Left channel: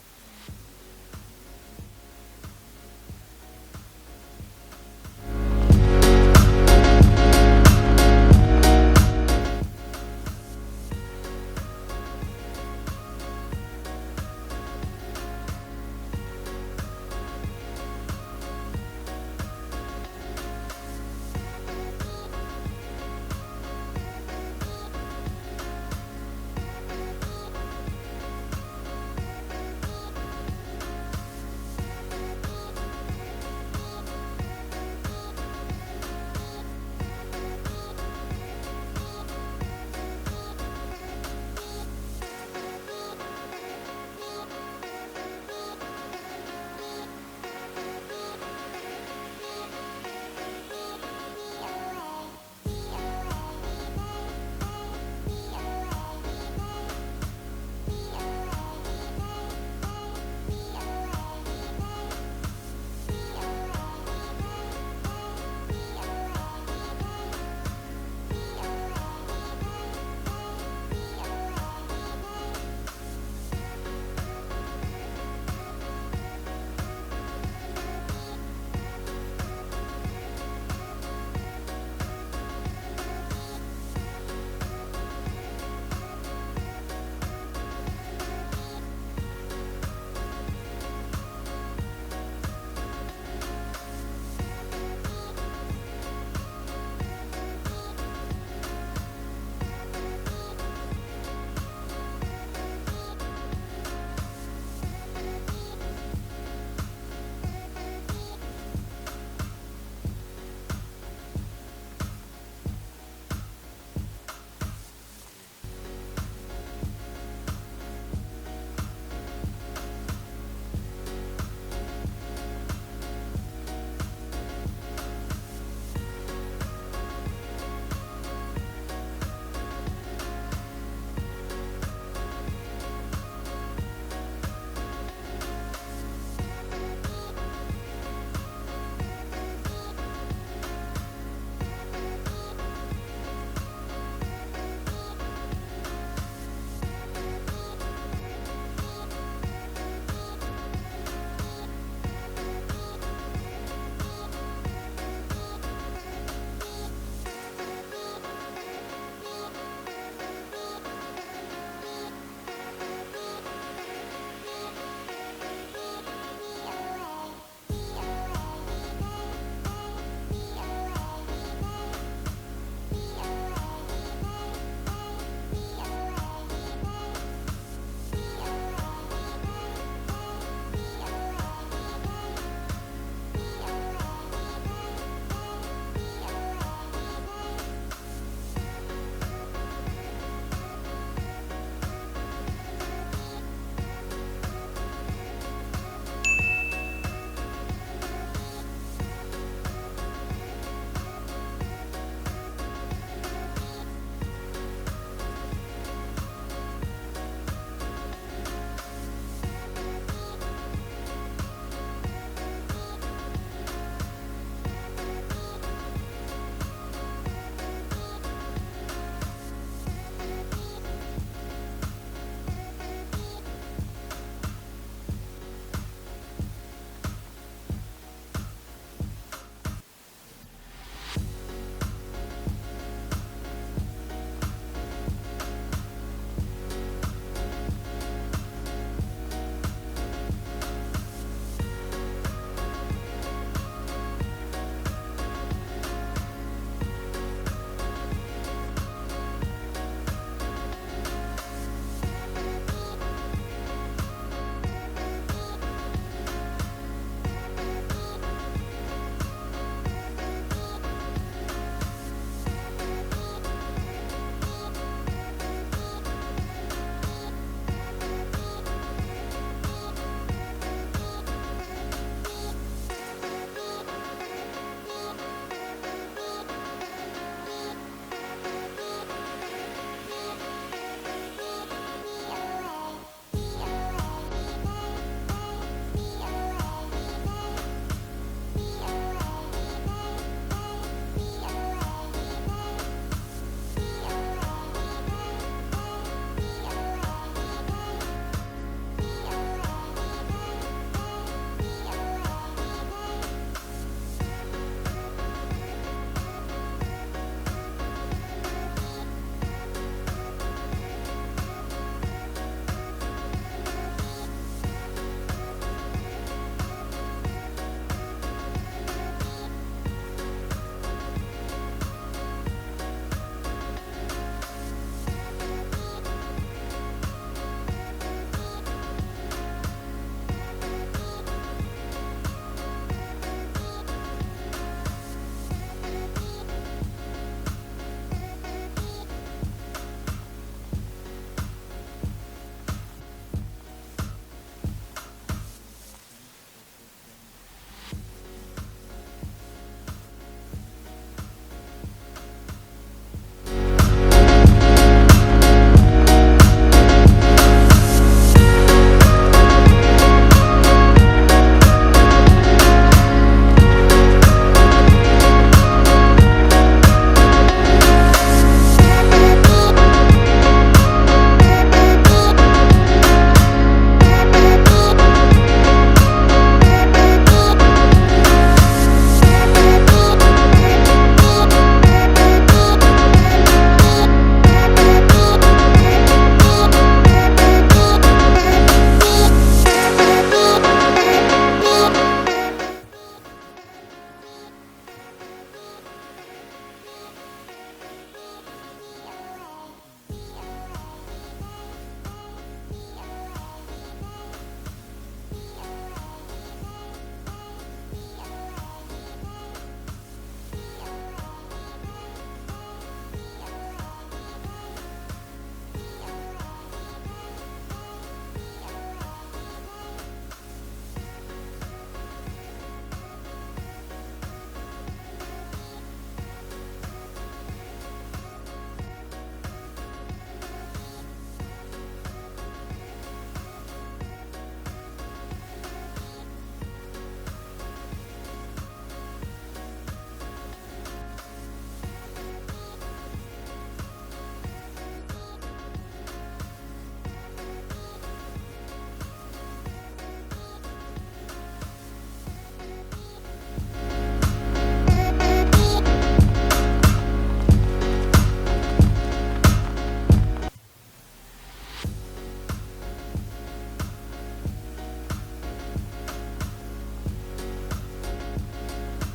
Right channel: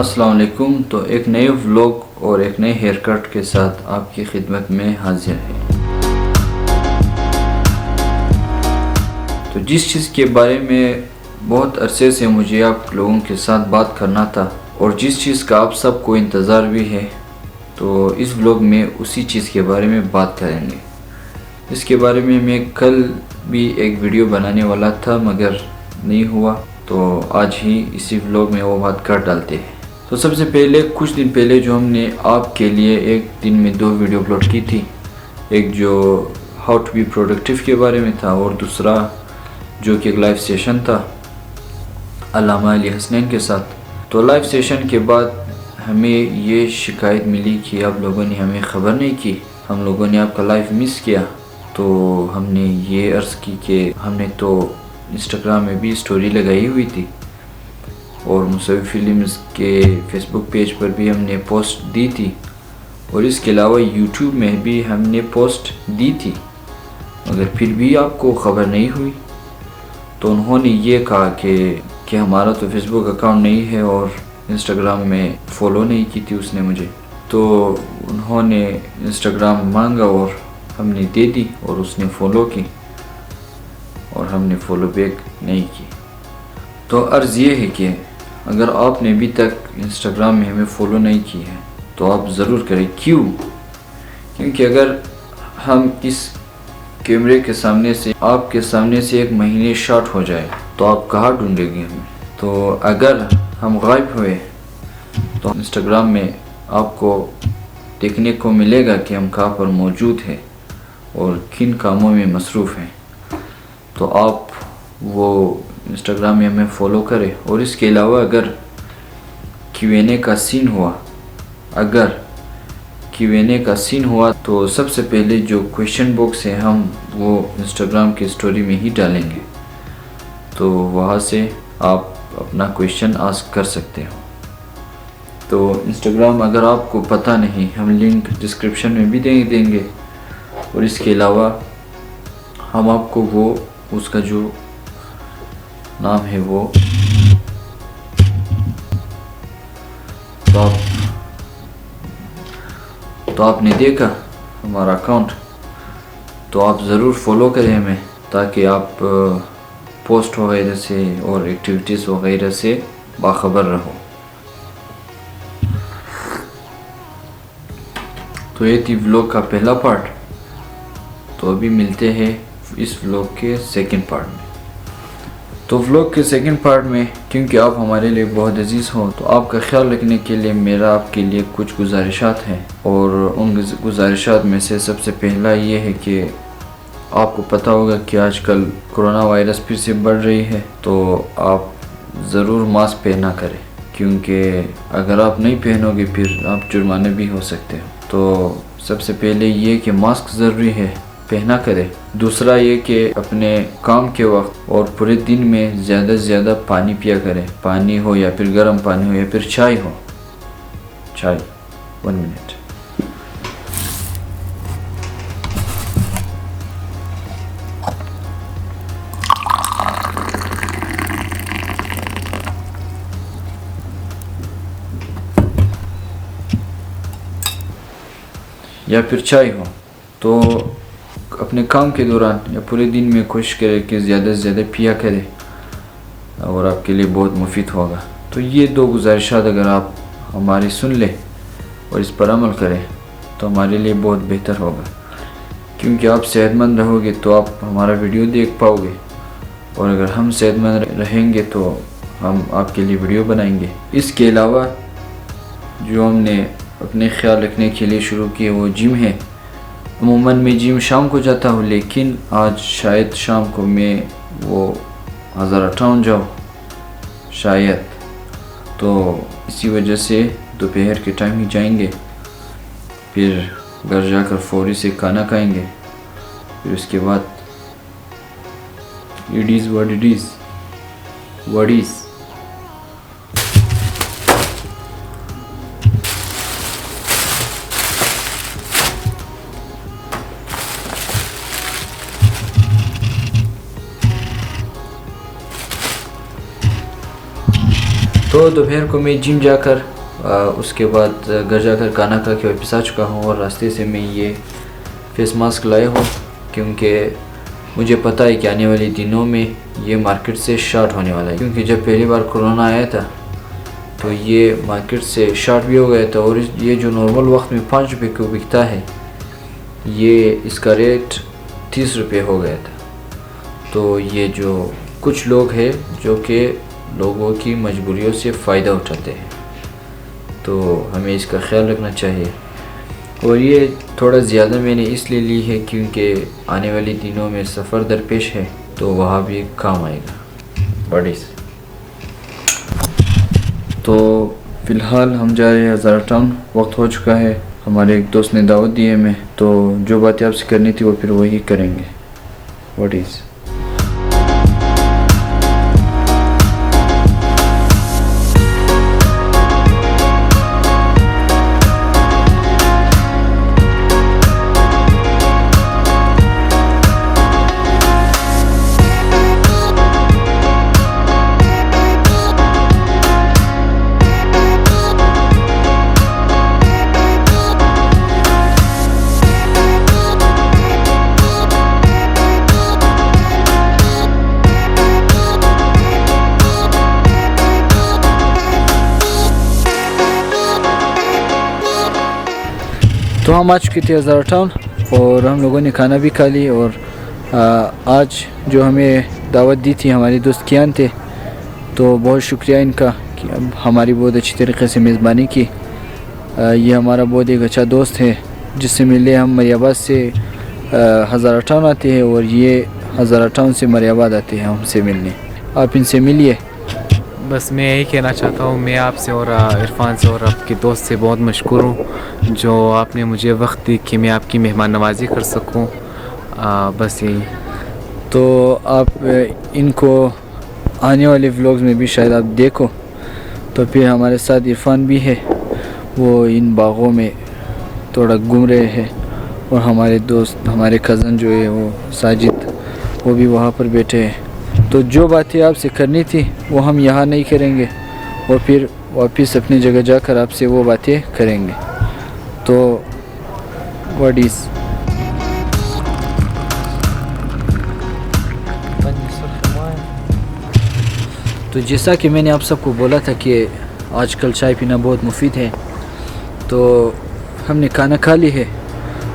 السلام علیکم. تو ایک نئے ولاگ اور ایک نئے ہیئر کٹ کے ساتھ آپ کی خدمت میں حاضر ہے. تو جس چیز کے بارے میں بہت عرصے سے مجھے آپ لوگوں کے ساتھ بات کرنا تھا اور جس چیز کا آپ سب کو انتظار بھی ہے، تو اس ولاگ میں اسی چیز کے بارے میں بات کریں گے. اس کے بارے میں میں کل بھی ایک ویڈیو بنانے والا تھا مگر نہیں ہوا، تو آج ہی اسی ولاگ میں وہ بات کر ڈالتے ہیں. تو سب سے پہلے کچھ دن پہلے جو ہم نے آپ کے لیے ایک دن میں 2 ویڈیو اپلوڈ کی تھی، ایک جو ہاؤ ٹو بی پروڈکٹیو کے بارے میں تھا اور دوسرا جو کہ ایک لائیو سیشن تھا علامہ علی حسنین کے ساتھ. تو لائیو سیشن کے بعد ہمیں یہ شکایت ملی کہ آپ لوگوں نے ہمیں خبر نہیں کی، ہم لوگوں نے آپ کا لائیو مس کیا. تو ہم نے یہ عرض کی کہ ہم نے تو انسٹاگرام میں بھی سٹوری لگائی ہوئی تھی اور مصوی فلمز کے فیس بک پیج پر بھی ہم نے پوسٹ دی تھی اور اس کے علاوہ یوٹیوب میں بھی ہم نے پوسٹ دی تھی، مگر پھر بھی آپ کو خبر نہیں ہوئی. تو انہوں نے یہ کہا کہ ہمارا تو فیس بک اکاؤنٹ نہیں ہے اور انسٹاگرام میں فالو نہیں کی تھی اس نے مجھے. تو انہوں نے انسٹاگرام مانگا اور ہم نے دے دی اور اس نے فالو کی اور ہم نے فالو بیک نہیں کی. تو عرض یہ ہے کہ اگر آپ نے ابھی تک انسٹاگرام میں ہمیں فالو نہیں کی ہے تو آپ ضرور کریں. کیونکہ اگر ہم اس کیمرے کے سامنے سے آپ کے سامنے سے 1 مہینے شارٹ ہو جائے تو آپ کہاں ڈھونڈیں گے ہمیں؟ تو اگر ہم غائب ہوئے تو انسٹاگرام میں آپ کو دیکھنے کو ملے گا کہ ہم کہاں پر موجود ہیں اور کن کاموں میں مصروف ہیں. تو آپ وہ انسٹاگرام میں ہمیں فالو کریں. اور اس کے علاوہ اگر Q&A کا سین ہوا تو سب سے پہلے جو کویشچن باکس ہے ہم وہ انسٹاگرام کی سٹوری میں ہی ڈالیں گے، تو وہاں سے آپ اپنا کویشچن آسک کر سکتے ہو. تو انسٹاگرام اگر آپ کو پتہ نہیں، ہم لنک ڈسکرپشن میں بھی دیں گے اور اس کے علاوہ ہم آپ کو وہ اس کا جو نام ہے وہ تو آپ نے دیکھا ہمارا اکاؤنٹ، تو آپ ضرور فالو کریں ہمیں تاکہ آپ پوسٹ وغیرہ سے اور ایکٹیویٹیز وغیرہ سے باخبر رہو. تو یہ تھی ولاگ کا پہلا پارٹ. تو ابھی ملتے ہیں اس ولاگ کے سیکنڈ پارٹ میں. تو ولاگ کے سیکنڈ پارٹ میں کیونکہ آپ ہمارے لیے بہت عزیز ہو تو آپ کا خیال رکھنے کے لیے میرا آپ کے لیے کچھ گزارشات ہیں، اور ان گزارشات میں سے سب سے پہلا یہ ہے کہ آپ کو پتہ ہوگا کہ آج کل کرونا وائرس پھر سے بڑھ رہی ہے، تو آپ ضرور ماسک پہنا کریں، کیونکہ اگر آپ نہیں پہنو گے پھر آپ جرمانے بھی ہو سکتے ہیں. تو سب سے پہلے یہ کہ ماسک ضروری ہے، پہنا کرے. دوسرا یہ کہ اپنے کام کے وقت اور پورے دن میں زیادہ سے زیادہ پانی پیا کرے، پانی ہو یا پھر گرم پانی ہو یا پھر چائے ہو. 1 منٹ. یا پھر چائے ہو. تو اپنے کام کے دوران یا پورے دن میں کوشش کرے کہ زیادہ سے زیادہ پیا کرے اور آپ کے لیے بہت مفید ہوگا. تو یہ 2 گزارشات اگر آپ ہماری سن لیں اور اس پر عمل کریں تو ہمارے لیے بہت بہتر ہوگا، کیونکہ آپ صحت مند رہو گے تو آپ ہمارا ویڈیو دیکھ پاؤ گے، اور اگر ہم صحت مند رہیں گے تو ہم آپ کے لیے ویڈیو بنائیں گے. اس کے علاوہ جو ہم نے اپنے خیال رکھنے کے لیے شروع کیے وہ جم ہے. عموماً میں جم شام کو جاتا ہوں، لیکن آج شاید شام کو میں وہ 1058 جاؤں شاید. تو اسی وجہ سے دوپہر کے ٹائم ہی جائیں گے، پھر گھر جا کر فوری سے کھانا کھائیں گے، پھر اس کے بعد it is what it is. تو تو دوپہر کو میں جم جا کر اس کے بعد گھر جا کر کھانا کھا کے واپس آ چکا ہوں، اور راستے سے میں یہ فیس ماسک لایا ہوں کیونکہ مجھے پتہ ہے کہ آنے والے دنوں میں یہ مارکیٹ سے شارٹ ہونے والا ہے، کیونکہ جب پہلی بار کورونا آیا تھا تو یہ مارکیٹ سے شارٹ بھی ہو گیا تھا، اور یہ جو نارمل وقت میں 5 روپے کو بکتا ہے یہ اس کا ریٹ 30 روپے ہو گیا تھا۔ تو یہ جو کچھ لوگ ہیں جو کہ لوگوں کی مجبوریوں سے فائدہ اٹھاتے ہیں، تو ہمیں اس کا خیال رکھنا چاہیے۔ اور یہ تھوڑا زیادہ میں نے اس لیے لی ہے کیونکہ آنے والی دنوں میں سفر درپیش ہے، تو وہاں بھی کام آئے گا بڑی سے۔ تو فی الحال ہم جا رہے ہیں ہزارہ ٹاؤن، وقت ہو چکا ہے، ہمارے ایک دوست نے دعوت دی ہے ہمیں، تو جو باتیں آپ سے کرنی تھی وہ پھر وہی کریں گے۔ واٹ از تو ہم آ چکے تھے ہزارہ ٹاؤن، اور ہم لوگوں نے کھانا بھی کھا لی، اور آج جو ہمیں دعوت دی تھی ہمارے دوست کیان تھے، تو بہت شکریہ ان کا کہ ہماری بہت اچھی طریقے سے میزبانی کی۔ یہ ہمارا بہت ایک اچھا دوست ہے جس سے ملے ہم مری آباد سے ہزارہ ٹاؤن آتے ہیں، اور یہ ہزارہ ٹاؤن سے مری آباد آتے ہیں ہم سے ملنے۔ آپ ان سے ملیے۔ بس میں یہی کہنا چاہتا ہوں، میں آپ سے اور عرفان سے اور آپ کے دوست سے بہت مشکور ہوں جو آپ نے مجھے وقت دی کہ میں آپ کی مہمان نوازی کر سکوں۔ بس یہی۔ تو آپ ان کو آنے والے ولاگز میں بھی شاید آپ دیکھو۔ تو پھر ہمارے ساتھ عرفان بھی ہے، وہ ان باغوں میں تھوڑا گھوم رہے ہیں، اور ہمارے دوست ہمارے کزن جو ہے وہ ساجد، وہ بھی وہاں پر بیٹھے ہیں۔ تو جو باتیں آپ سے کرنی تھی وہ ہم یہاں نہیں کریں گے، اور پھر واپس اپنی جگہ جا کر آپ سے وہ باتیں کریں گے۔ تو واٹ از تو جیسا کہ میں نے آپ سب کو بولا تھا کہ آج کل چائے پینا بہت مفید ہے، تو ہم نے کھانا کھا لی ہے،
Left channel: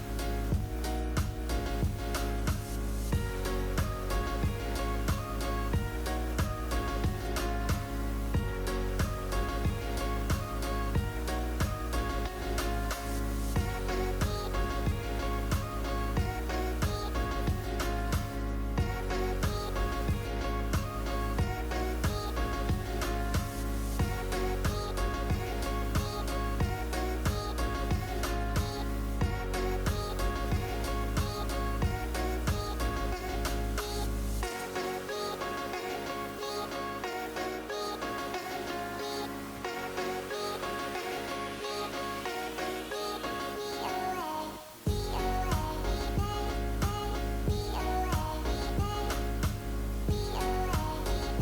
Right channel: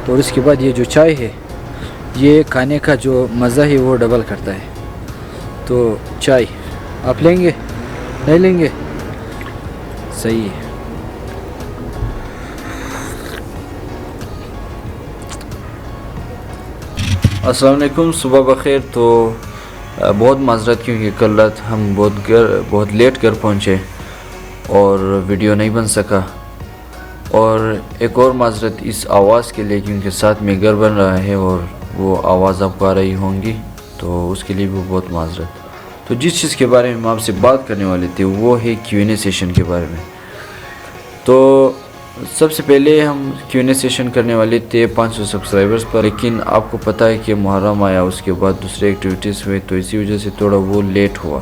اور اس کے بعد یہ جو چائے ہے یہ کھانے کا جو مزہ ہے وہ ڈبل کرتا ہے۔ تو چائے آپ لیں گے؟ نہیں لیں گے؟ صحیح ہے۔ السلام علیکم، صبح بخیر۔ تو بہت معذرت کیونکہ کل رات ہم بہت لیٹ گھر پہنچے اور ویڈیو نہیں بن سکا، اور ایک اور معذرت اس آواز کے لیے کیونکہ ساتھ میں گھر بن رہا ہے اور وہ آواز آپ کو آ رہی ہوں گی، تو اس کے لیے بھی بہت معذرت۔ تو جس چیز کے بارے میں ہم آپ سے بات کرنے والے تھے وہ ہے Q&A سیشن کے بارے میں۔ تو سب سے پہلے ہم Q&A سیشن کرنے والے تھے 500 سبسکرائبرز پر، لیکن آپ کو پتہ ہے کہ محرم آیا، اس کے بعد دوسرے ایکٹیویٹیز ہوئے، تو اسی وجہ سے تھوڑا وہ لیٹ ہوا،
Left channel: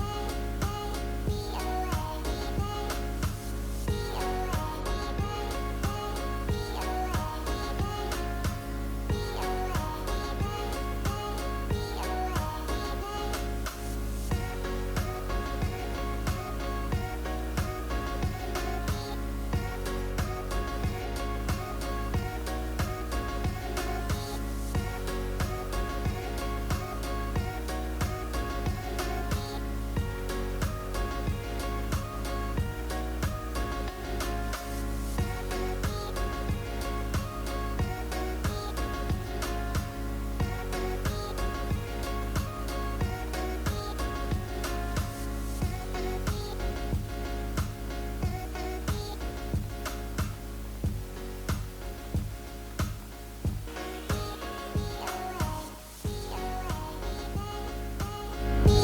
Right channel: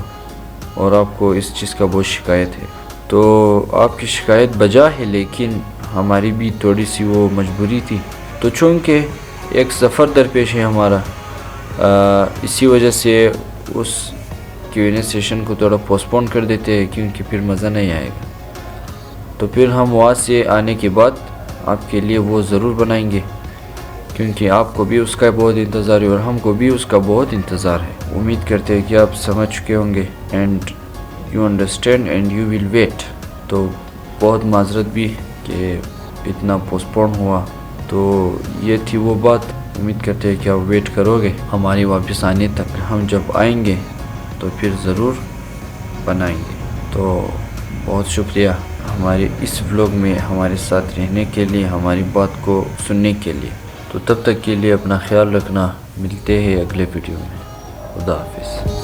اور آپ کو اس چیز کا بہت شکایت ہے۔ تو آپ کی شکایت بجا ہے، لیکن ہماری بھی تھوڑی سی وہ مجبوری تھی، تو چونکہ ایک سفر درپیش ہے ہمارا، اسی وجہ سے اس Q&A سیشن کو تھوڑا پوسٹپون کر دیتے ہیں کیونکہ پھر مزہ نہیں آئے گا۔ تو پھر ہم وہاں سے آنے کے بعد آپ کے لیے وہ ضرور بنائیں گے، کیونکہ آپ کو بھی اس کا بہت انتظار ہے اور ہم کو بھی اس کا بہت انتظار ہے۔ امید کرتے ہیں کہ آپ سمجھ چکے ہوں گے، and you understand and you will wait. تو بہت معذرت بھی کہ اتنا پوسٹپون ہوا، تو یہ تھی وہ بات۔ امید کرتے ہیں کہ آپ ویٹ کرو گے ہماری واپس آنے تک۔ ہم جب آئیں گے تو پھر ضرور بنائیں گے۔ تو بہت شکریہ ہمارے اس ولاگ میں ہمارے ساتھ رہنے کے لیے، ہماری بات کو سننے کے لیے۔ تو تب تک کے لیے اپنا خیال رکھنا، ملتے ہیں اگلے ویڈیو میں۔ خدا حافظ۔